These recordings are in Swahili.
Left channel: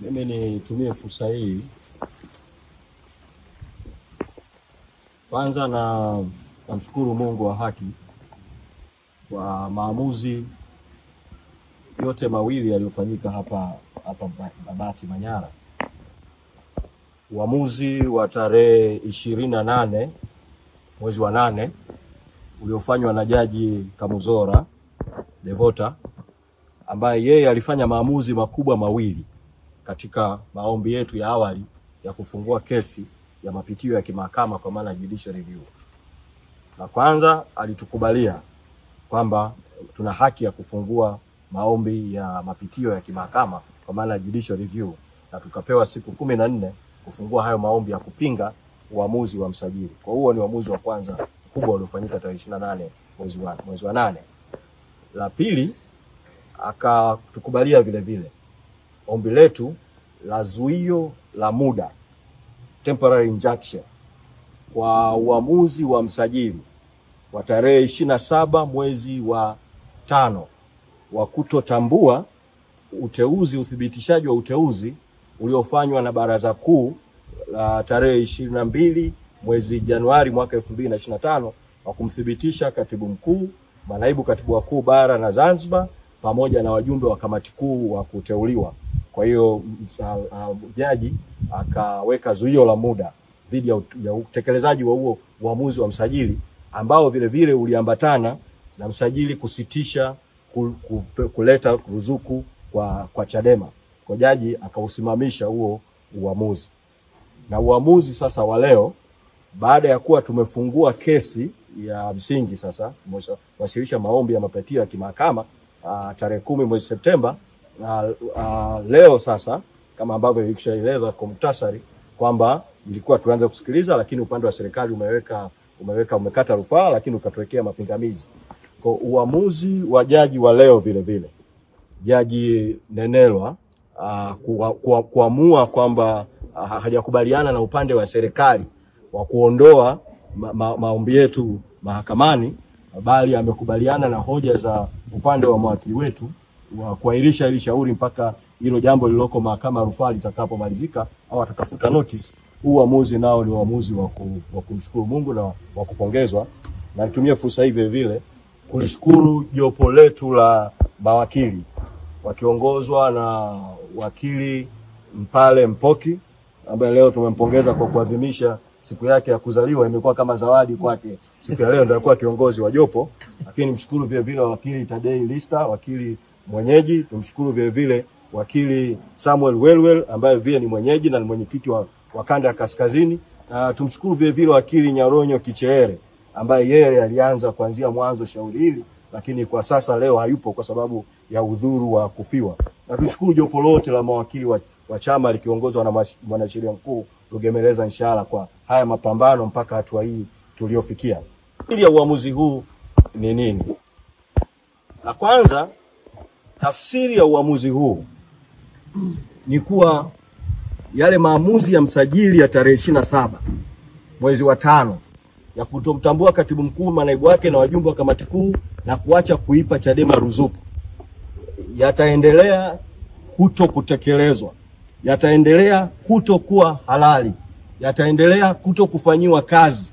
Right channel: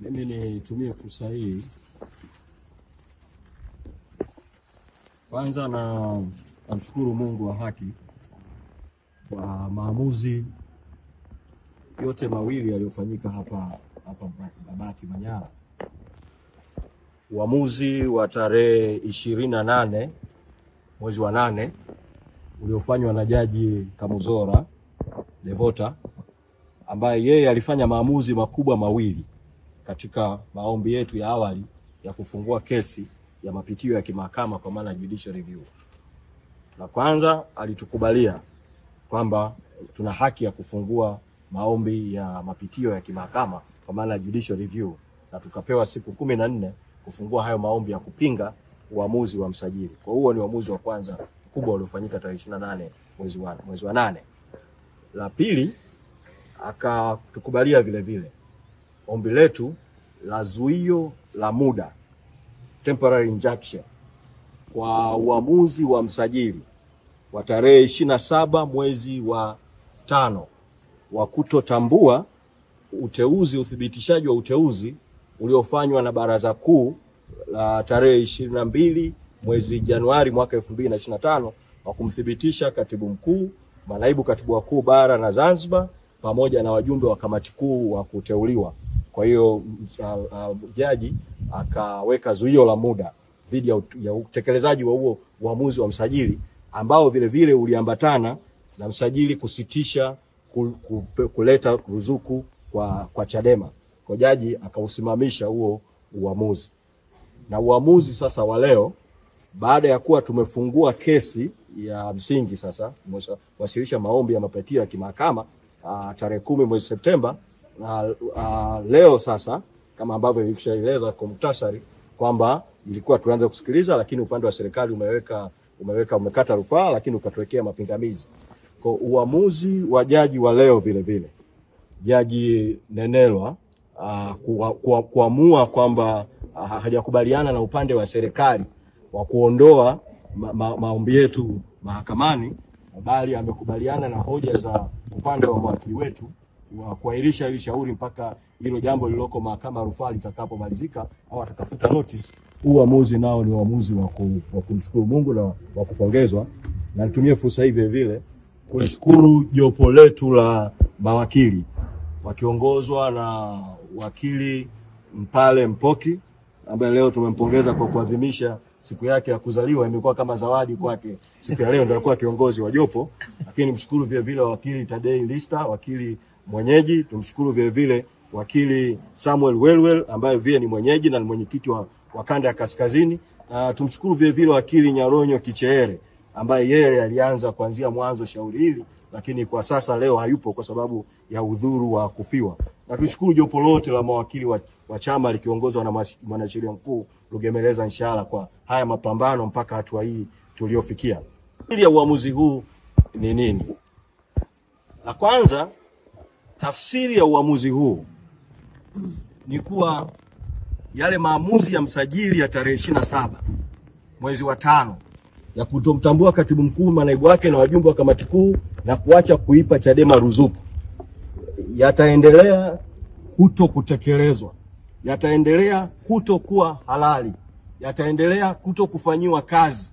Mimi nitumie fursa hii kwanza na namshukuru Mungu wa haki kwa maamuzi yote mawili yaliyofanyika hapa Babati Manyara. Uamuzi wa tarehe 28 mwezi wa 8 uliofanywa na Jaji Kamuzora Devota, ambaye yeye alifanya maamuzi makubwa mawili katika maombi yetu ya awali ya kufungua kesi ya mapitio ya kimahakama kwa maana judicial review. Na kwanza alitukubalia kwamba tuna haki ya kufungua maombi ya mapitio ya kimahakama kwa maana judicial review, na tukapewa siku 14 kufungua hayo maombi ya kupinga uamuzi wa msajili. Kwa huo ni uamuzi wa kwanza kubwa uliofanyika tarehe 28 mwezi wa 8. La pili, akatukubalia vile vile ombi letu la zuio la muda, temporary injunction, kwa uamuzi wa msajili wa tarehe 27 mwezi wa 5 wa kutotambua uthibitishaji wa uteuzi uliofanywa na Baraza Kuu la tarehe 22 mwezi Januari mwaka 2025 wa kumthibitisha katibu mkuu, manaibu katibu wakuu bara na Zanzibar pamoja na wajumbe wa kamati kuu wa kuteuliwa. Kwa hiyo jaji akaweka zuio la muda dhidi ya utekelezaji wa huo uamuzi wa msajili, ambao vile vile uliambatana na msajili kusitisha kuleta ruzuku kwa Chadema. Kwa jaji akausimamisha huo uamuzi. Na uamuzi sasa wa leo, baada ya kuwa tumefungua kesi ya msingi, sasa wasilisha maombi ya mapitio ya kimahakama tarehe 10 mwezi Septemba, leo sasa kama ambavyo nilishaeleza kwa muhtasari kwamba ilikuwa tuanze kusikiliza, lakini upande wa serikali umekata rufaa, lakini ukatuwekea mapingamizi. Kwa uamuzi wa jaji wa leo vile vile, Jaji Nenelwa kuamua kwamba hajakubaliana na upande wa serikali wa kuondoa maombi yetu mahakamani, bali amekubaliana na hoja za upande wa mwakili wetu wa kuahirisha ile shauri mpaka hilo jambo lililoko mahakama ya rufaa litakapomalizika au atakafuta notice. Uamuzi nao ni uamuzi wa kumshukuru Mungu na wa kupongezwa. Na nitumie fursa hii vile vile kushukuru jopo letu la mawakili wakiongozwa na wakili Mpale Mpoki, ambaye leo tumempongeza kwa kuadhimisha siku yake ya kuzaliwa. Imekuwa kama zawadi kwake siku ya leo, ndio alikuwa kiongozi wa jopo. Lakini mshukuru vile vile wakili Tadei Lista, wakili mwenyeji. Tumshukuru vile vile wakili Samuel Welwel, ambaye vile ni mwenyeji na ni mwenyekiti wa kanda ya kaskazini. Tumshukuru vile vile wakili Nyaronyo Kicheere, ambaye yeye alianza kuanzia mwanzo shauri hili, lakini kwa sasa leo hayupo kwa sababu ya udhuru wa kufiwa. Na tushukuru jopo lote la mawakili wa chama likiongozwa na mwanasheria mkuu Rugemeleza Nshala kwa haya mapambano mpaka hatua hii tuliofikia. Ili ya uamuzi huu ni nini? La kwanza, tafsiri ya uamuzi huu ni kuwa yale maamuzi ya msajili ya tarehe 27 mwezi wa 5 ya kutomtambua katibu mkuu, manaibu wake na wajumbe wa kamati kuu na kuacha kuipa Chadema ruzuku yataendelea kutekelezwa, yataendelea kutokuwa halali, yataendelea kufanyiwa kazi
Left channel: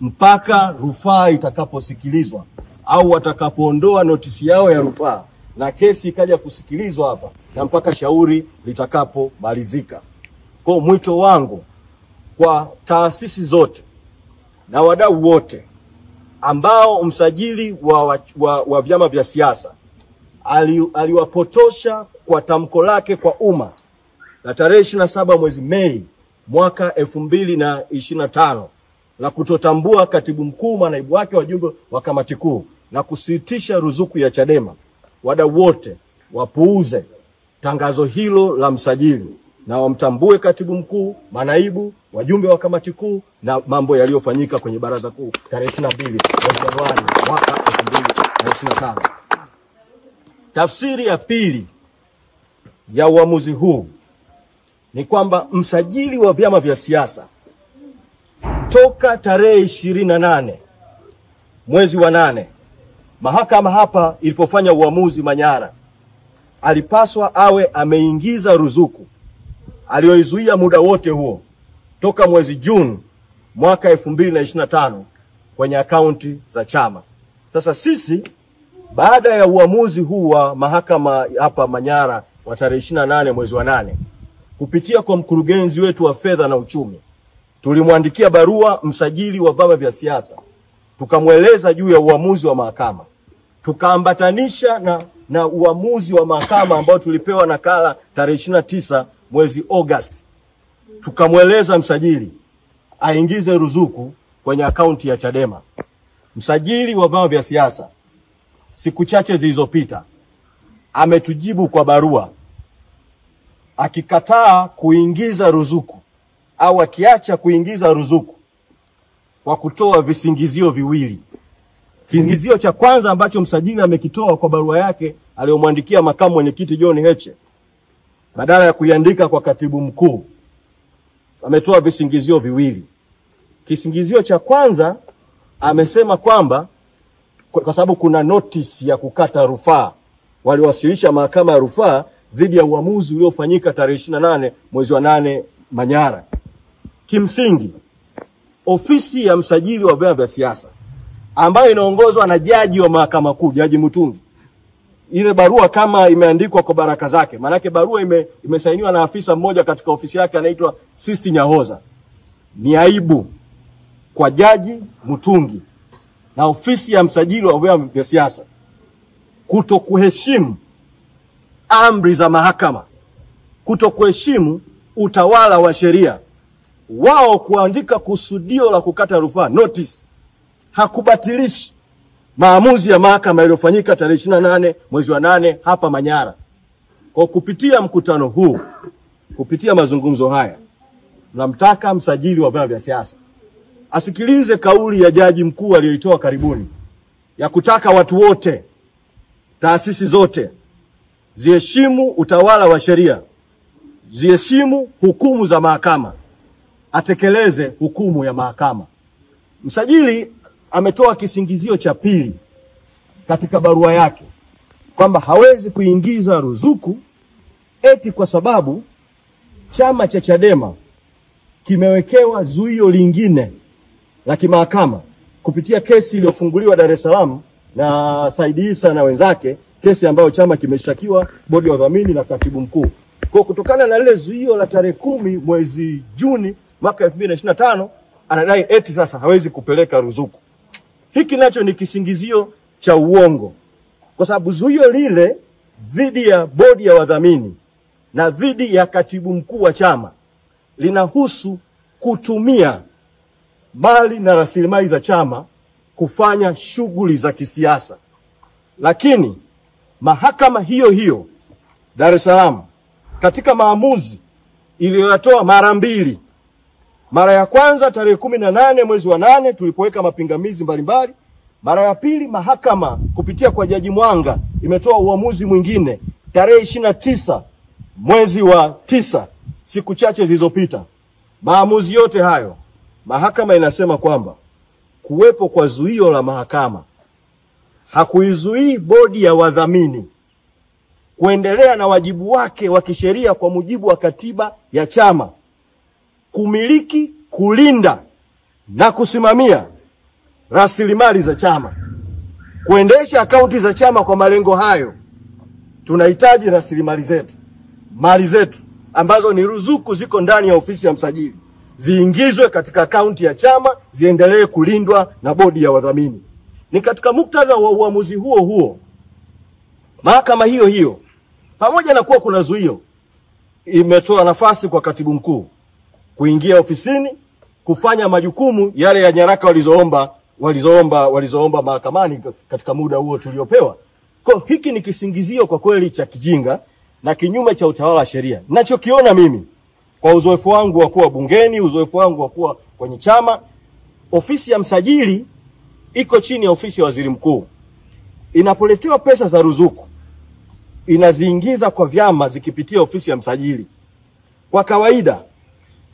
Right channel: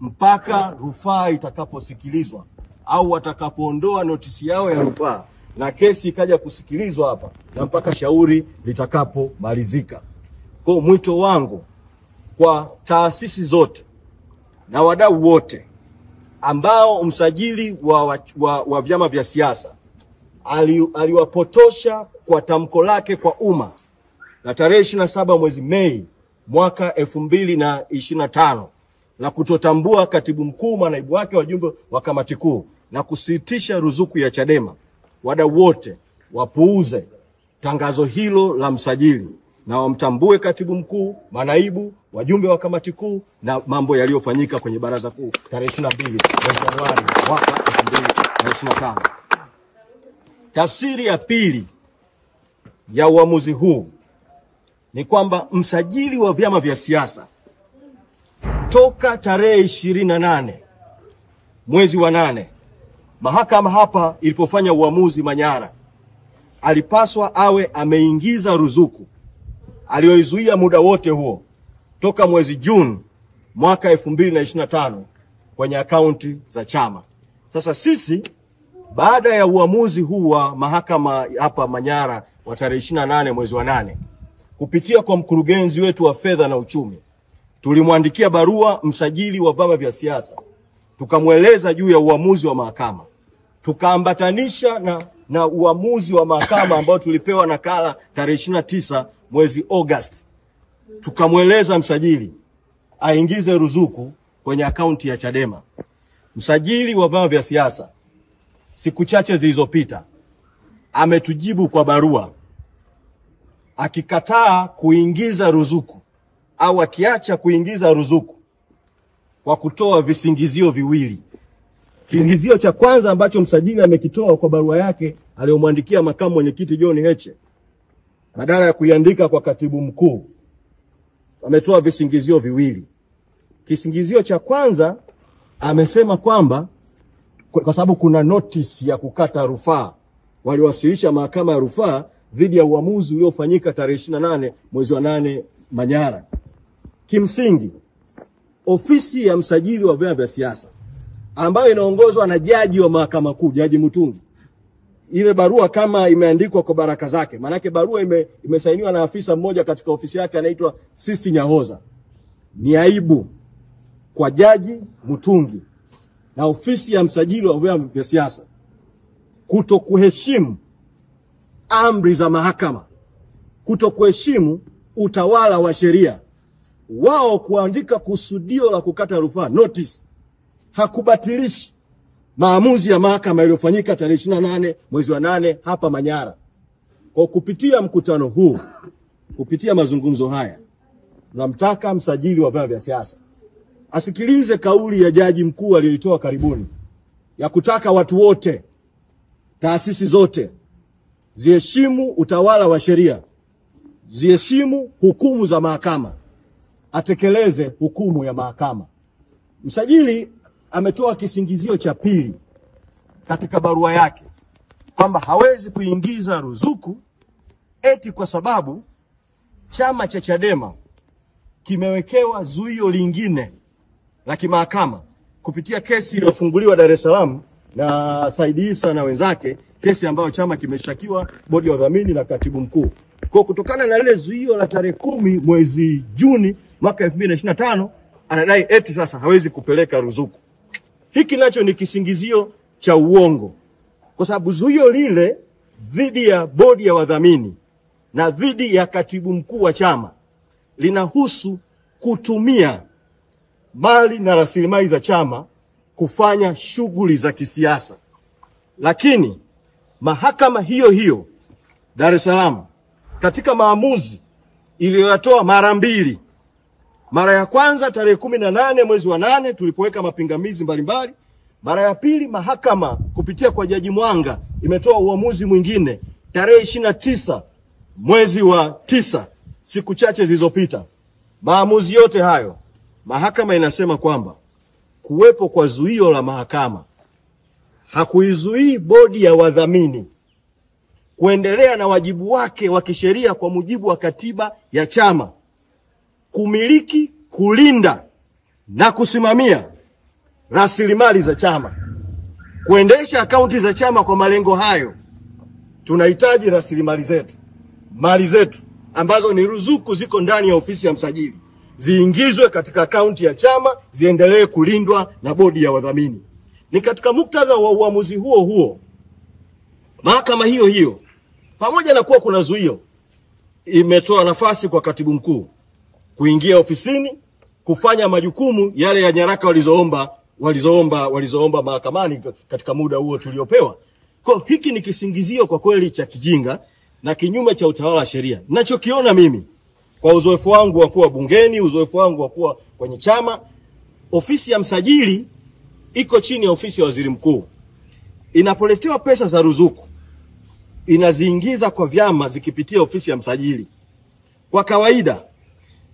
mpaka rufaa itakaposikilizwa au watakapoondoa notisi yao ya rufaa na kesi ikaja kusikilizwa hapa na mpaka shauri litakapomalizika. Kwa mwito wangu kwa taasisi zote na wadau wote ambao msajili wa vyama vya siasa aliwapotosha kwa tamko lake kwa umma la tarehe 27 mwezi Mei mwaka 2025 la kutotambua katibu mkuu, manaibu wake, wajumbe wa kamati kuu na kusitisha ruzuku ya Chadema, wadau wote wapuuze tangazo hilo la msajili na wamtambue katibu mkuu, manaibu, wajumbe wa kamati kuu na mambo yaliyofanyika kwenye baraza kuu tarehe 22 mwezi Januari mwaka 2025. Tafsiri ya pili ya uamuzi huu ni kwamba msajili wa vyama vya siasa toka tarehe 28 mwezi wa 8 mahakama hapa ilipofanya uamuzi Manyara, alipaswa awe ameingiza ruzuku aliyoizuia muda wote huo toka mwezi Juni mwaka 2025 kwenye akaunti za chama. Sasa sisi baada ya uamuzi huu wa mahakama hapa Manyara wa tarehe 28 mwezi wa 8, kupitia kwa mkurugenzi wetu wa fedha na uchumi, tulimwandikia barua msajili wa vyama vya siasa, tukamweleza juu ya uamuzi wa mahakama, tukaambatanisha na uamuzi wa mahakama ambao tulipewa nakala tarehe 29 mwezi August. Tukamweleza msajili aingize ruzuku kwenye akaunti ya Chadema. Msajili wa vyama vya siasa siku chache zilizopita ametujibu kwa barua akikataa kuingiza ruzuku au akiacha kuingiza ruzuku kwa kutoa visingizio viwili. Kisingizio cha kwanza ambacho msajili amekitoa kwa barua yake aliyomwandikia makamu mwenyekiti John Heche, badala ya kuiandika kwa katibu mkuu, ametoa visingizio viwili. Kisingizio cha kwanza amesema kwamba kwa sababu kuna notice ya kukata rufaa waliwasilisha mahakama ya rufaa dhidi ya uamuzi uliofanyika tarehe 28 mwezi wa 8 Manyara. Kimsingi ofisi ya msajili wa vyama vya siasa ambayo inaongozwa na jaji wa mahakama kuu, Jaji Mutungi, ile barua kama imeandikwa kwa baraka zake, manake barua imesainiwa na afisa mmoja katika ofisi yake anaitwa Sisti Nyahoza. Ni aibu kwa Jaji Mutungi na ofisi ya msajili wa vyama vya siasa kutokuheshimu amri za mahakama, kutokuheshimu utawala wa sheria. Wao kuandika kusudio la kukata rufaa, notice, hakubatilishi maamuzi ya mahakama yaliyofanyika tarehe 28 mwezi wa 8 hapa Manyara. Kwa kupitia mkutano huu, kupitia mazungumzo haya, namtaka msajili wa vyama vya siasa asikilize kauli ya jaji mkuu aliyoitoa karibuni ya kutaka watu wote, taasisi zote, ziheshimu utawala wa sheria, ziheshimu hukumu za mahakama, atekeleze hukumu ya mahakama. Msajili ametoa kisingizio cha pili katika barua yake kwamba hawezi kuingiza ruzuku eti kwa sababu chama cha Chadema kimewekewa zuio lingine la kimahakama kupitia kesi iliyofunguliwa Dar es Salaam na Said Issa na wenzake, kesi ambayo chama kimeshtakiwa bodi ya udhamini na katibu mkuu. Kwa kutokana na lile zuio la tarehe 10 mwezi Juni mwaka 2025, anadai eti sasa hawezi kupeleka ruzuku. Hiki nacho ni kisingizio cha uongo, kwa sababu zuio lile dhidi ya bodi ya wadhamini na dhidi ya katibu mkuu wa chama linahusu kutumia mali na rasilimali za chama kufanya shughuli za kisiasa. Lakini mahakama hiyo hiyo Dar es Salaam katika maamuzi iliyotoa mara mbili, mara ya kwanza tarehe 18 mwezi wa 8 tulipoweka mapingamizi mbalimbali, mara ya pili mahakama kupitia kwa Jaji Mwanga imetoa uamuzi mwingine tarehe 29 mwezi wa 9, siku chache zilizopita. Maamuzi yote hayo mahakama inasema kwamba kuwepo kwa zuio la mahakama hakuizuii bodi ya wadhamini kuendelea na wajibu wake wa kisheria kwa mujibu wa katiba ya chama, kumiliki, kulinda na kusimamia rasilimali za chama, kuendesha akaunti za chama. Kwa malengo hayo tunahitaji rasilimali zetu, mali zetu ambazo ni ruzuku ziko ndani ya ofisi ya msajili, ziingizwe katika akaunti ya chama, ziendelee kulindwa na bodi ya wadhamini. Ni katika muktadha wa uamuzi huo huo mahakama hiyo hiyo, pamoja na kuwa kuna zuio, imetoa nafasi kwa katibu mkuu kuingia ofisini kufanya majukumu yale ya nyaraka walizoomba mahakamani katika muda huo tuliopewa. Kwa hiki ni kisingizio kwa kweli cha kijinga na kinyume cha utawala wa sheria. Ninachokiona mimi kwa uzoefu wangu wa kuwa bungeni, uzoefu wangu wa kuwa kwenye chama, ofisi ya msajili iko chini ya ofisi ya waziri mkuu. Inapoletewa pesa za ruzuku, inaziingiza kwa vyama zikipitia ofisi ya msajili. Kwa kawaida,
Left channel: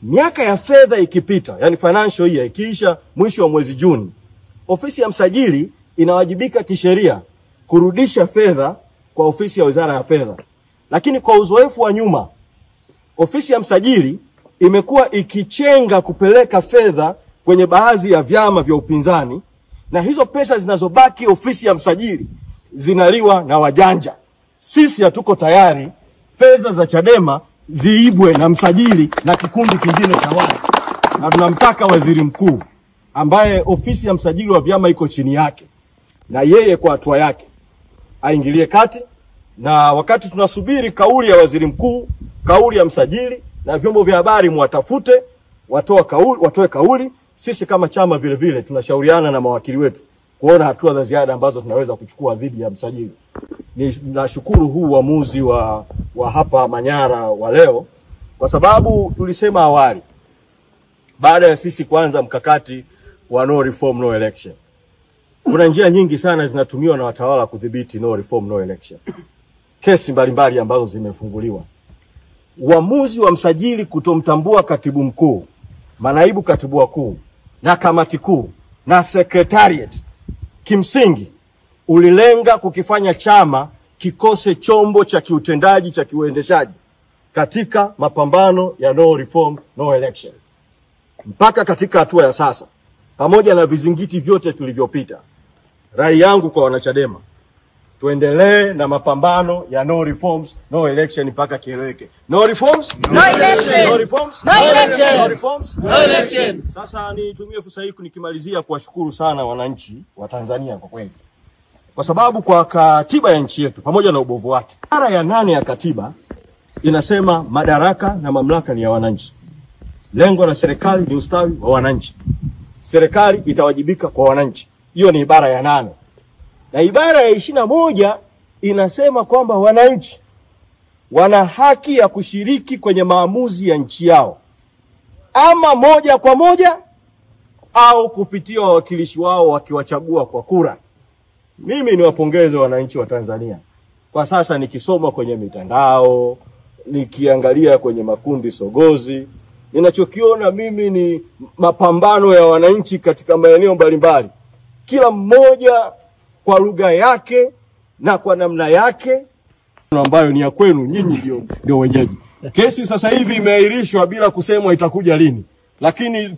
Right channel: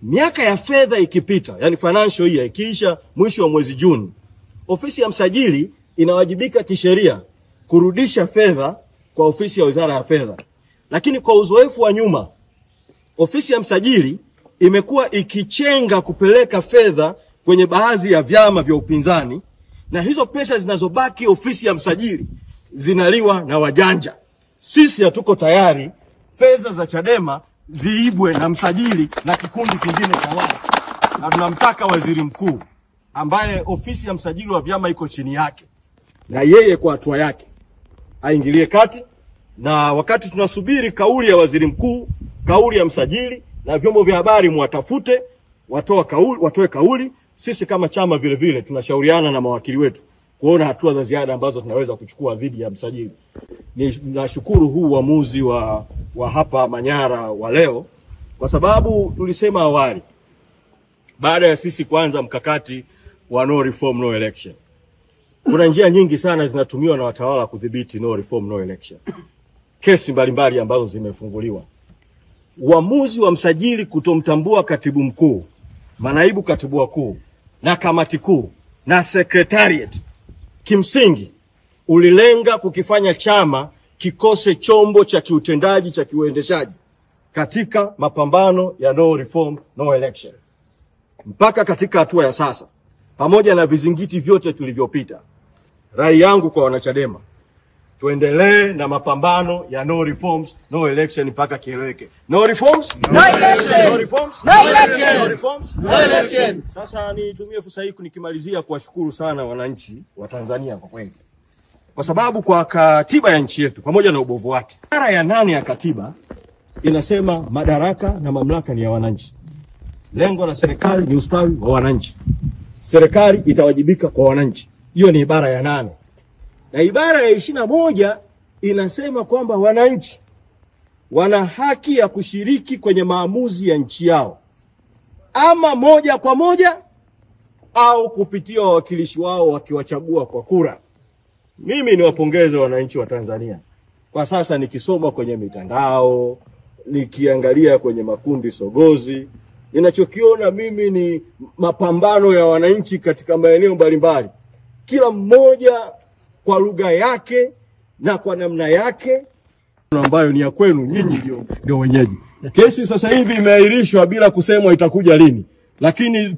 miaka ya fedha ikipita, yani financial year ikiisha mwisho wa mwezi Juni, ofisi ya msajili inawajibika kisheria kurudisha fedha kwa ofisi ya wizara ya fedha. Lakini kwa uzoefu wa nyuma, ofisi ya msajili imekuwa ikichenga kupeleka fedha kwenye baadhi ya vyama vya upinzani, na hizo pesa zinazobaki ofisi ya msajili zinaliwa na wajanja. Sisi hatuko tayari pesa za Chadema ziibwe na msajili na kikundi kingine cha watu. Na tunamtaka waziri mkuu ambaye ofisi ya msajili wa vyama iko chini yake, na yeye kwa hatua yake aingilie kati, na wakati tunasubiri kauli ya waziri mkuu, kauli ya msajili na vyombo vya habari muwatafute, watoe kauli. Sisi kama chama vile vile tunashauriana na mawakili wetu kuona hatua za ziada ambazo tunaweza kuchukua dhidi ya msajili. Nashukuru huu uamuzi wa hapa Manyara wa leo, kwa sababu tulisema awali, baada ya sisi kuanza mkakati wa no reform no election, kuna njia nyingi sana zinatumiwa na watawala kudhibiti no reform no election. Kesi mbalimbali ambazo zimefunguliwa. Uamuzi wa msajili kutomtambua katibu mkuu, manaibu katibu wakuu na kamati kuu na secretariat, kimsingi ulilenga kukifanya chama kikose chombo cha kiutendaji cha kiuendeshaji katika mapambano ya no reform no election. Mpaka katika hatua ya sasa, pamoja na vizingiti vyote tulivyopita, rai yangu kwa wanachadema, tuendelee na mapambano ya no reforms no election mpaka kieleweke. No reforms no election. No reforms no election. No reforms no election. Sasa nitumie fursa hii nikimalizia kuwashukuru sana wananchi wa Tanzania kwa kweli, kwa sababu kwa katiba ya nchi yetu pamoja na ubovu wake, ibara ya 8 ya katiba inasema madaraka na mamlaka ni ya wananchi. Lengo la serikali ni ustawi wa wananchi. Serikali itawajibika kwa wananchi. Hiyo ni ibara ya 8. Na ibara ya 21 inasema kwamba wananchi wana haki ya kushiriki kwenye maamuzi ya nchi yao, ama moja kwa moja au kupitia wawakilishi wao wakiwachagua kwa kura. Mimi niwapongeze wananchi wa Tanzania. Kwa sasa nikisoma kwenye mitandao, nikiangalia kwenye makundi sogozi, ninachokiona mimi ni mapambano ya wananchi katika maeneo mbalimbali, kila mmoja kwa lugha yake na kwa namna yake ambayo ni ya kwenu nyinyi ndio wenyeji. Kesi sasa hivi imeahirishwa bila kusemwa itakuja lini, lakini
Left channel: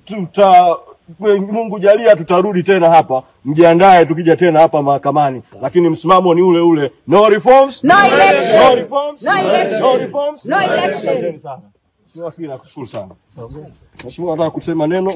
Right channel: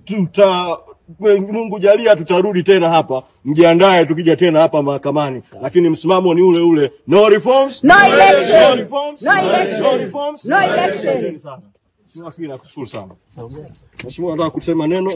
Mungu jalia tutarudi tena hapa, mjiandae tukija tena hapa mahakamani, lakini msimamo ni ule ule, no reforms no election. No reforms no election. No reforms no election. Sana. Nakushukuru sana. Mheshimiwa, nataka kusema neno.